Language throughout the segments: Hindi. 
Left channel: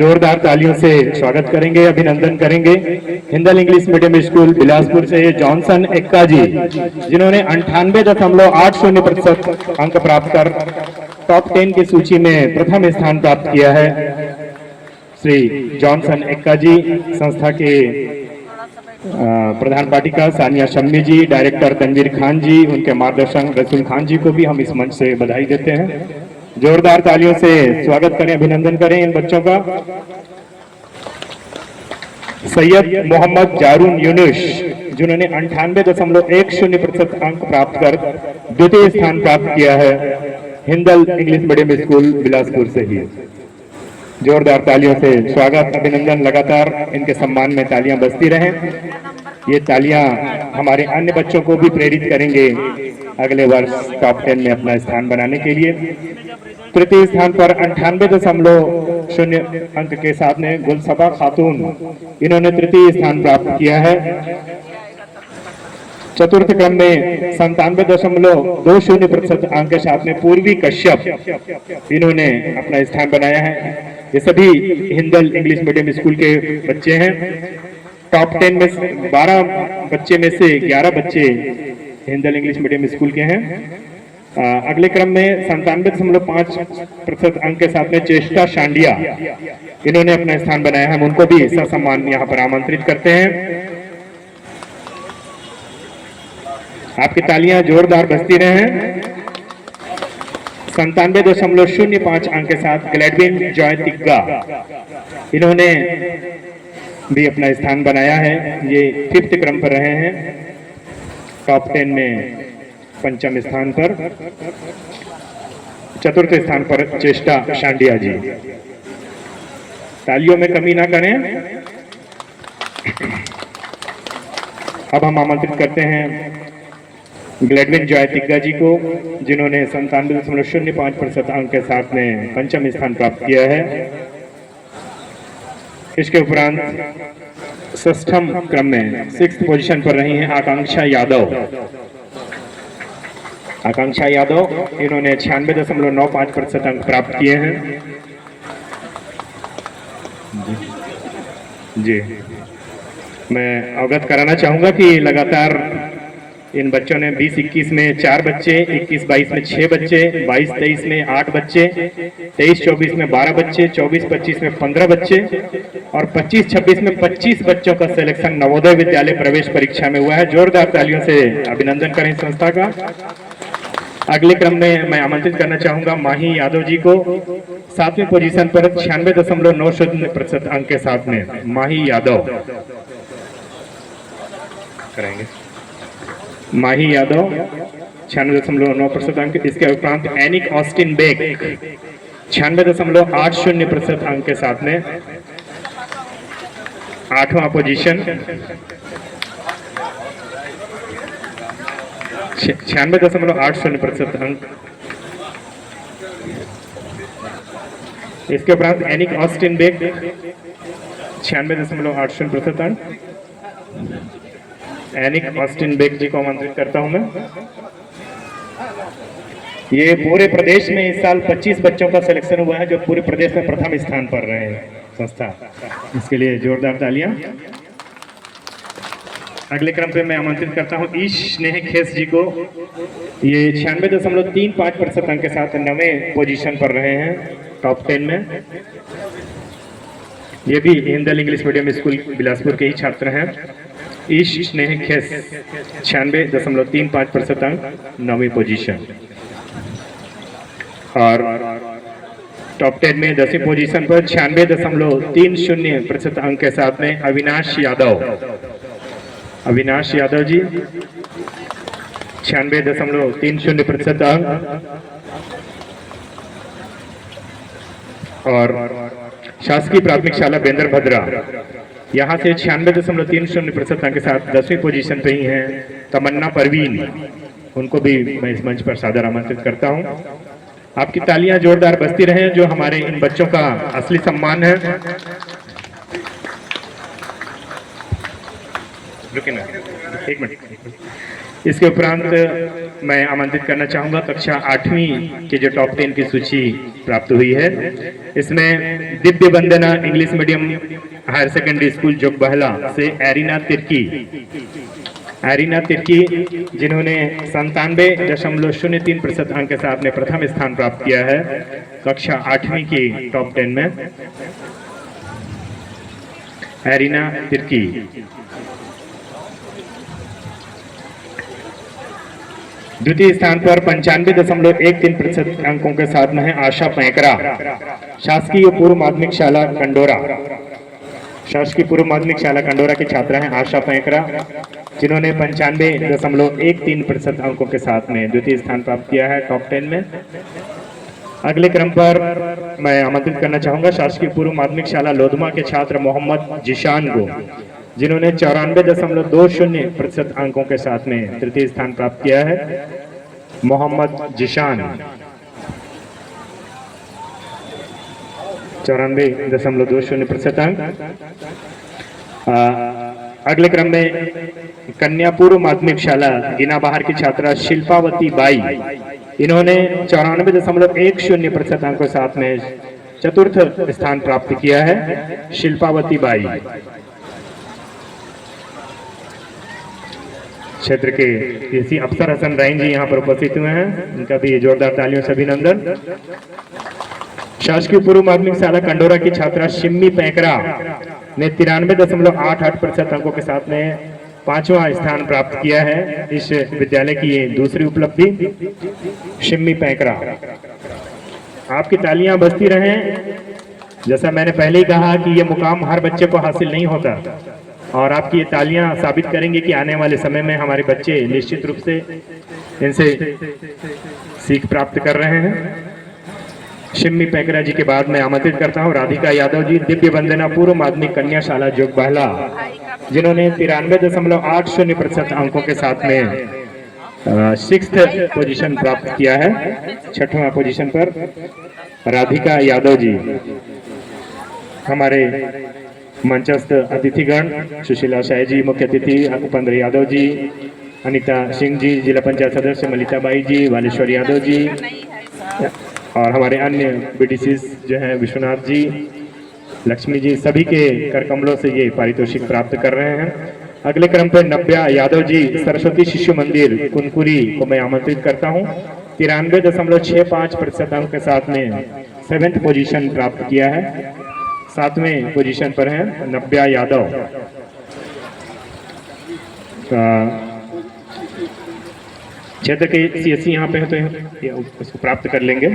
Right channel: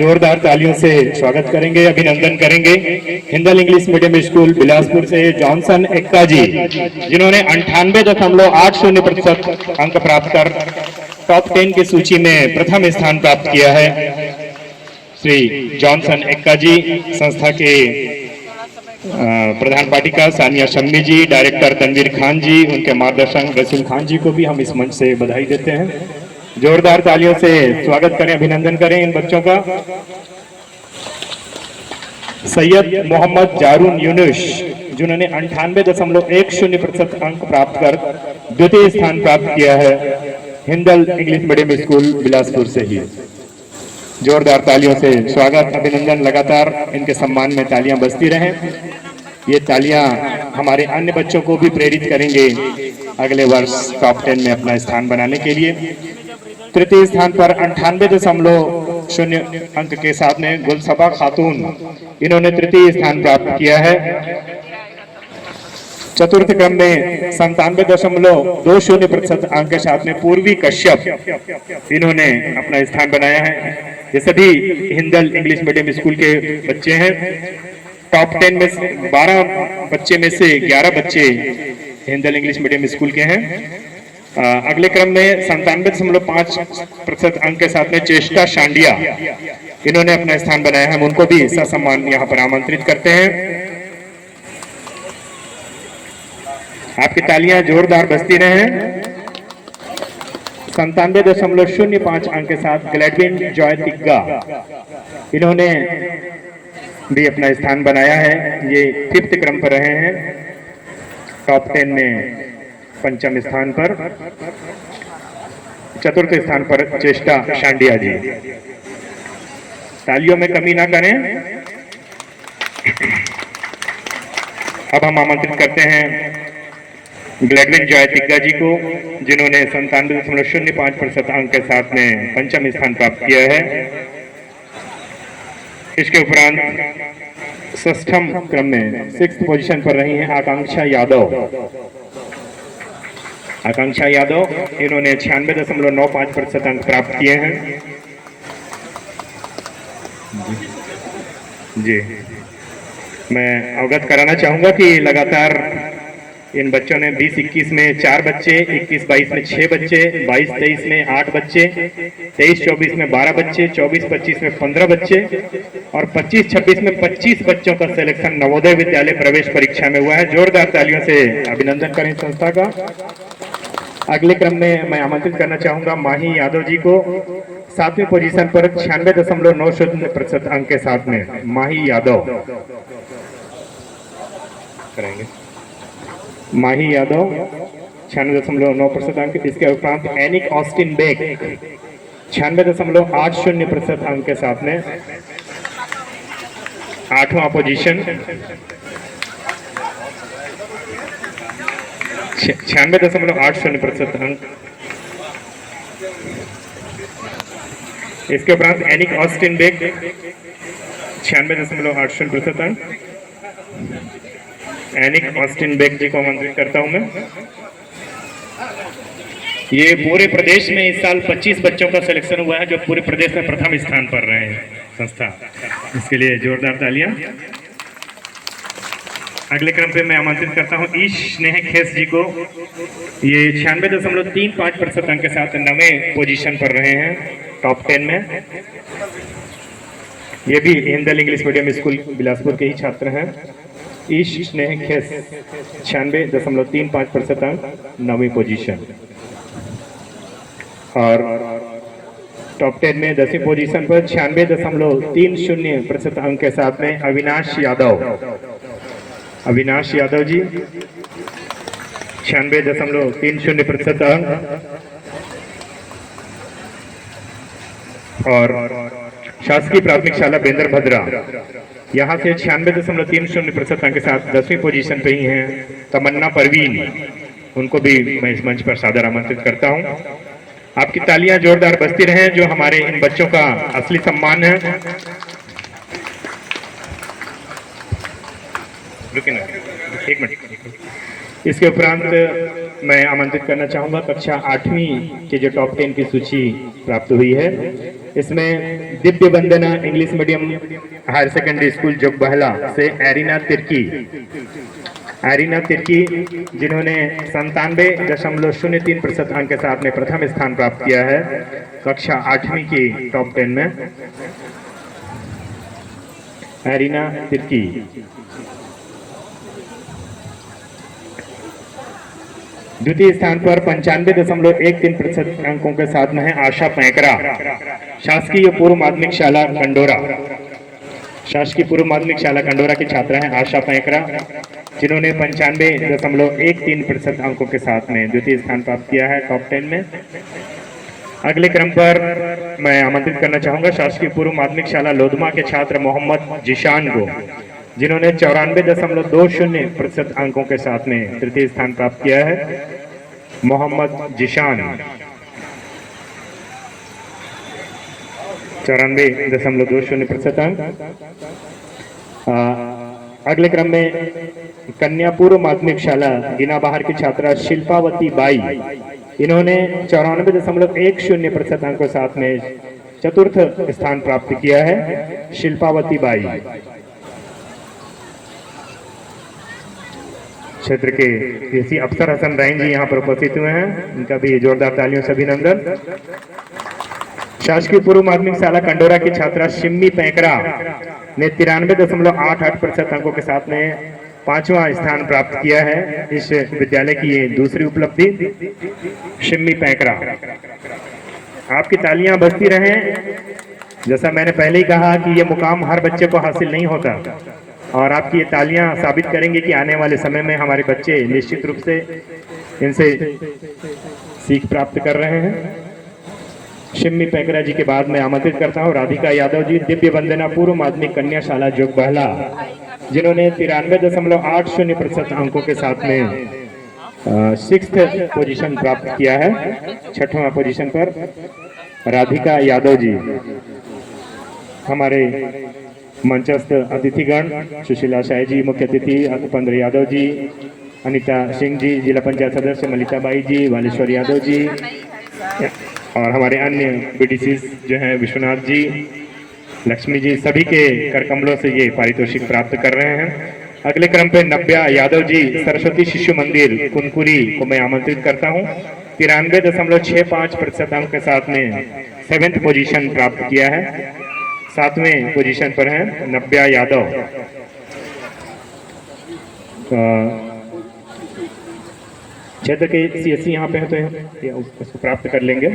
जोरदार तालियों से स्वागत करेंगे, अभिनंदन करेंगे Hindal English medium school Bilaspur से जॉनसन एक्का जी, जिन्होंने 98.80% अंक प्राप्त कर टॉप 10 की सूची में प्रथम स्थान प्राप्त किया है। श्री जॉनसन एक्का जी, संस्था के प्रधान पाठिका सानिया शम्मी जी, डायरेक्टर तनवीर खान जी, उनके मार्गदर्शक रसूल खान जी को भी हम इस मंच से बधाई देते हैं। जोरदार तालियों से स्वागत करें, अभिनंदन करें इन बच्चों का। सैयद मोहम्मद जारून यूनुस, जिन्होंने 98.10% अंक प्राप्त कर द्वितीय स्थान प्राप्त किया है Hindal English medium school Bilaspur से ही। जोरदार तालियों से स्वागत, अभिनंदन, लगातार इनके सम्मान में तालियां बजती रहें। ये तालियां हमारे अन्य बच्चों को भी प्रेरित करेंगे अगले वर्ष टॉप 10 में अपना स्थान बनाने के लिए। तृतीय स्थान पर 98.0 अंक के साथ में गुलसबा खातून, इन्होंने तृतीय स्थान प्राप्त किया है। चतुर्थ क्रम में 97.20% अंक के साथ में पूर्वी कश्यप, इन्होंने अपना स्थान बनाया है। ये सभी हिंदल इंग्लिश मीडियम स्कूल के बच्चे हैं। टॉप 10 में 12 बच्चे में से 11 बच्चे हिंदल इंग्लिश मीडियम स्कूल के हैं। अगले क्रम में 97.5% अंक के साथ में चेष्टा शांडिया, इन्होंने अपना स्थान बनाया है। हम उनको भी ससम्मान यहाँ पर आमंत्रित करते हैं। आपकी तालियां जोरदार बजती रहें। 97.05 अंक के साथ ग्लैडविन जॉय तिग्गा, इन्होंने भी अपना स्थान बनाया है। ये 5th क्रम पर रहे हैं, टॉप 10 में 5वें स्थान पर। चतुर्थ स्थान पर चेष्टा शांडिया जी। तालियों में कमी ना करें। अब हम आमंत्रित करते हैं ग्लैडविन जॉय तिग्गा जी को, जिन्होंने 97.05% अंक के साथ में 5वां स्थान प्राप्त किया है। इसके उपरांत 6th क्रम में 6th पोजीशन पर रही हैं आकांक्षा यादव। आकांक्षा यादव, इन्होंने 96.95% अंक प्राप्त किए हैं। जी, मैं अवगत कराना चाहूंगा कि लगातार इन बच्चों ने 20-21 में 4 बच्चे, 21-22 में 6 बच्चे, 22-23 में 8 बच्चे, 23-24 में 12 बच्चे, 24-25 में 15 बच्चे और 25-26 में 25 बच्चों का सिलेक्शन नवोदय विद्यालय प्रवेश परीक्षा में हुआ है। जोरदार तालियों से अभिनंदन करें संस्था का। अगले क्रम में मैं आमंत्रित करना चाहूंगा माही यादव जी को, 7वीं पोजीशन पर 96.90% अंक के साथ में माही यादव करेंगे। माही यादव 96.9% अंक। इसके उपरांत एनिक ऑस्टिन बेक 96.80% अंक के साथ में 8वां पोजीशन। 96.80% अंक। इसके उपरांत एनिक ऑस्टिन बेक 96.80% अंक। एनिक ऑस्टिन बेक जी को आमंत्रित करता हूं मैं। ये पूरे प्रदेश में इस साल 25 बच्चों का सिलेक्शन हुआ है, जो पूरे प्रदेश में प्रथम स्थान पर रहे हैं संस्था। इसके लिए जोरदार तालियां। अगले क्रम पे मैं आमंत्रित करता हूं ईश स्नेह खेस जी को। ये 96.35% अंक के साथ 9वें पोजीशन पर रहे हैं टॉप 10 में। ये भी Hindal English medium school Bilaspur के ही छात्र हैं। ईश स्नेह खेस 96.35% अंक, 9वीं पोजीशन। और टॉप 10 में 10वीं पोजीशन पर 96.30% अंक के साथ में अविनाश यादव। अविनाश यादव जी 96.30% अंक। और शासकीय प्राथमिक शाला बेंदर भद्रा, यहाँ से 96.30% अंक के साथ 10वीं पोजीशन पे ही हैं तमन्ना परवीन, उनको भी मैं इस मंच पर सादर आमंत्रित करता हूँ। आपकी तालियां जोरदार बजती रहें, जो हमारे इन बच्चों का असली सम्मान है। रुकिए ना, एक मिनट। इसके उपरांत मैं आमंत्रित करना चाहूंगा कक्षा 8वीं के जो टॉप 10 की सूची प्राप्त हुई है, इसमें Divya Vandana English medium higher secondary school Jogbahla से एरिना तिर्की जिन्होंने 97.03% अंक के साथ अपने प्रथम स्थान प्राप्त किया है कक्षा 8वीं की टॉप 10 में। एरिना तिर्की। द्वितीय स्थान पर 95.13% अंकों के साथ में है आशा पैकरा, शासकीय पूर्व माध्यमिक शाला कंडोरा। शासकीय पूर्व माध्यमिक शाला कंडोरा की छात्रा है आशा पैकरा, जिन्होंने 95.13% अंकों के साथ में द्वितीय स्थान प्राप्त किया है टॉप 10 में। अगले क्रम पर मैं आमंत्रित करना चाहूंगा शासकीय पूर्व माध्यमिक शाला लोधमा के छात्र मोहम्मद जिशान को, जिन्होंने 94.20% अंकों के साथ में तृतीय स्थान प्राप्त किया है। मोहम्मद जिशान 94.20% अंक। अगले क्रम में कन्या पूर्व माध्यमिक शाला गिना बाहर की छात्रा शिल्पावती बाई, इन्होंने 94.10% अंकों के साथ में चतुर्थ स्थान प्राप्त किया है। शिल्पावती बाई क्षेत्र के एसी अफसर हसन रैन जी यहाँ पर उपस्थित हुए हैं, उनका भी जोरदार तालियों से अभिनंदन। शासकीय पूर्व माध्यमिक शाला कंडोरा की छात्रा शिम्मी पैकरा ने 93.88% अंकों के साथ में 5वां स्थान प्राप्त किया है। इस विद्यालय की ये दूसरी उपलब्धि। शिम्मी पैकरा, आपकी तालियां बजती रहें। जैसा मैंने पहले ही कहा कि ये मुकाम हर बच्चे को हासिल नहीं होता, और आपकी ये तालियां साबित करेंगी कि आने वाले समय में हमारे बच्चे निश्चित रूप से इनसे सीख प्राप्त कर रहे हैं। शिम्मी पैकरा जी के बाद मैं आमंत्रित करता हूं राधिका यादव जी, दिव्य वंदना पूर्व माध्यमिक कन्या शाला जोगबहला, जिन्होंने 93.80% अंकों के साथ में 6th पोजीशन प्राप्त किया है। 6वां पोजीशन पर राधिका यादव जी। हमारे मंचस्थ अतिथिगण सुशीला शाह जी मुख्य अतिथि, उपेंद्र यादव जी, अनिता सिंह जी जिला पंचायत सदस्य, मलिताबाई जी, वालेश्वर यादव जी, और हमारे अन्य बीडीसी जो हैं विश्वनाथ जी, लक्ष्मी जी, सभी के करकमलों से ये पारितोषिक प्राप्त कर रहे हैं। अगले क्रम पे नव्या यादव जी सरस्वती शिशु मंदिर कुनकुरी को मैं आमंत्रित करता हूं। 93.65% अंक के साथ में 7th पोजीशन प्राप्त किया है। 7वें पोजीशन पर है नव्या यादव। क्षेत्र के सीएससी यहाँ पे है तो इसको प्राप्त कर लेंगे।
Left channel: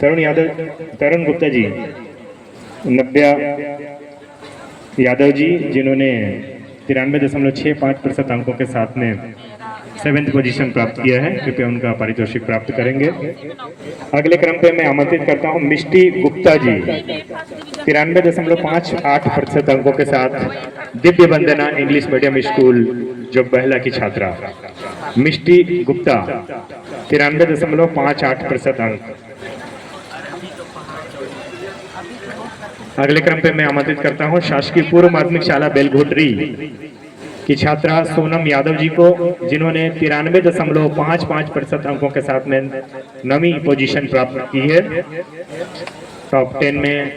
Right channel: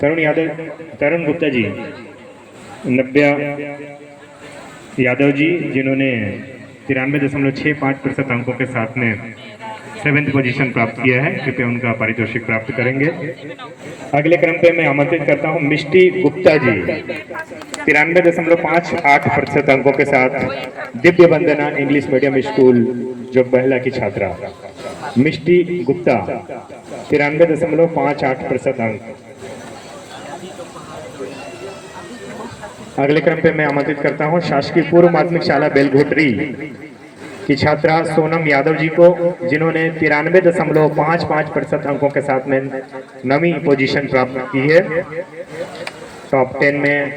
तरुण यादव, तरुण गुप्ता जी, नव्या यादव जी, जिन्होंने 93.65% अंकों के साथ में 7th पोजीशन प्राप्त किया है, कृपया उनका पारितोषिक प्राप्त करेंगे। अगले क्रम पे मैं आमंत्रित करता हूं मिष्टी गुप्ता जी, 93.58% अंकों के साथ Divya Vandana English medium school जोगबहला की छात्रा मिष्टी गुप्ता, 93.58% अंक। अगले क्रम पे मैं आमंत्रित करता हूं शासकीय पूर्व माध्यमिक शाला बेलघोटरी की छात्रा सोनम यादव जी को, जिन्होंने 93.55% अंकों के साथ में 9वीं पोजीशन प्राप्त की है। टॉप 10 में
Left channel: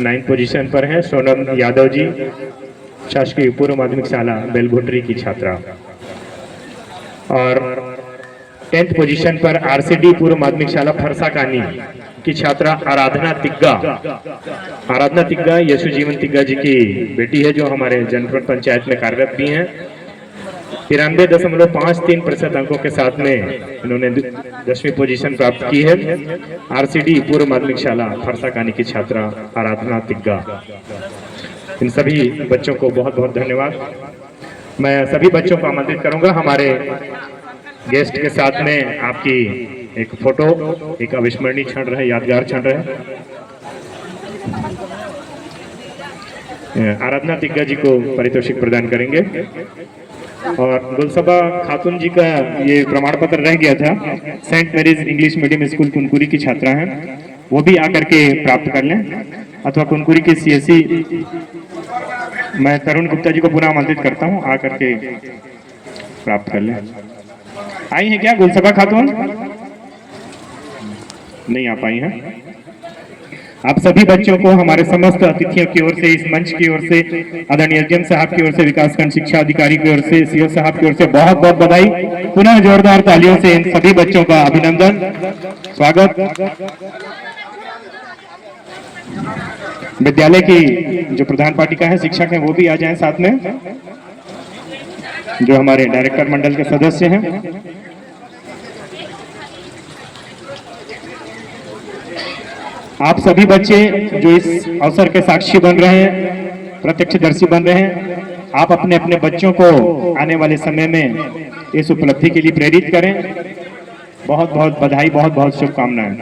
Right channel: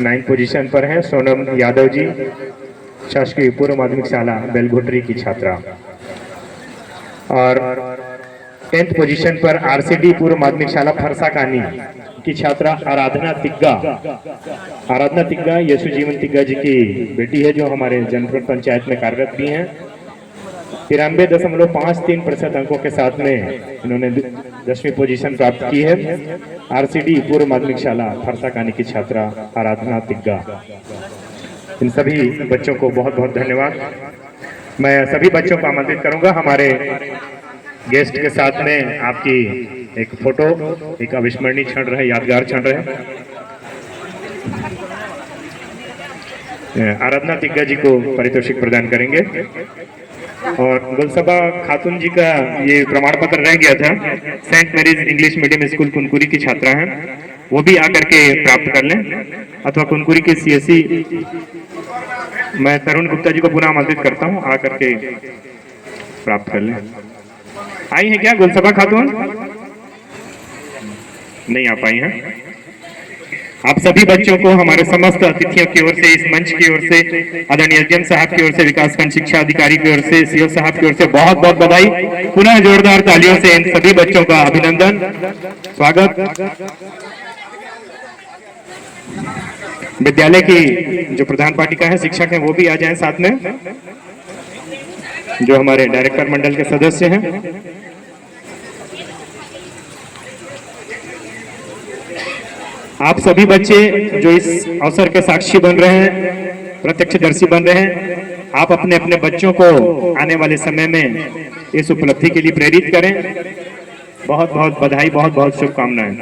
9th पोजीशन पर है सोनम यादव जी, शासकीय पूर्व माध्यमिक शाला बेलघोटरी की छात्रा। और 10th पोजीशन पर आरसीडी पूर्व माध्यमिक शाला फरसाकानी की छात्रा आराधना तिग्गा। आराधना तिग्गा यशु जीवन तिग्गा जी की बेटी है, जो हमारे जनपद पंचायत में कार्यरत भी हैं। 93.53% अंकों के साथ में इन्होंने 10वीं पोजीशन प्राप्त की है। आरसीडी पूर्व माध्यमिक शाला फरसाकानी की छात्रा आराधना तिग्गा। इन सभी बच्चों को बहुत बहुत धन्यवाद। मैं सभी बच्चों को आमंत्रित करूंगा हमारे गेस्ट के साथ में आपकी एक फोटो, एक अविस्मरणीय क्षण रहे, यादगार क्षण रहे। आराधना तिग्गा जी को पारितोषिक प्रदान करेंगे। और गुलसबा खातून जी का ये प्रमाण पत्र रह गया था, Saint Mary's English medium school Kunkuri की छात्रा हैं, वो भी आकर के प्राप्त कर लें, अथवा कुनकुरी के सीएससी। मैं तरुण गुप्ता जी को पुनः आमंत्रित करता हूं आकर के प्राप्त कर लें। आई हैं क्या गुलसबा खातून? नहीं आ पाई हैं। आप सभी बच्चों को हमारे समस्त अतिथियों की ओर से, इस मंच की ओर से, आदरणीय एसडीएम साहब की ओर से, विकासखंड शिक्षा अधिकारी की ओर से, सीओ साहब की ओर से बहुत बहुत बधाई। पुनः जोरदार तालियों से इन सभी बच्चों का अभिनंदन, स्वागत। विद्यालय की जो प्रधान पाठिका है, शिक्षक हैं, वो भी आ जाएं साथ में, जो हमारे डायरेक्टर मंडल के सदस्य हैं। आप सभी बच्चे जो इस अवसर के साक्षी बन रहे हैं, प्रत्यक्षदर्शी बन रहे हैं, आप अपने अपने बच्चों को आने वाले समय में इस उपलब्धि के लिए प्रेरित करें। बहुत बहुत बधाई, बहुत बहुत शुभकामनाएं।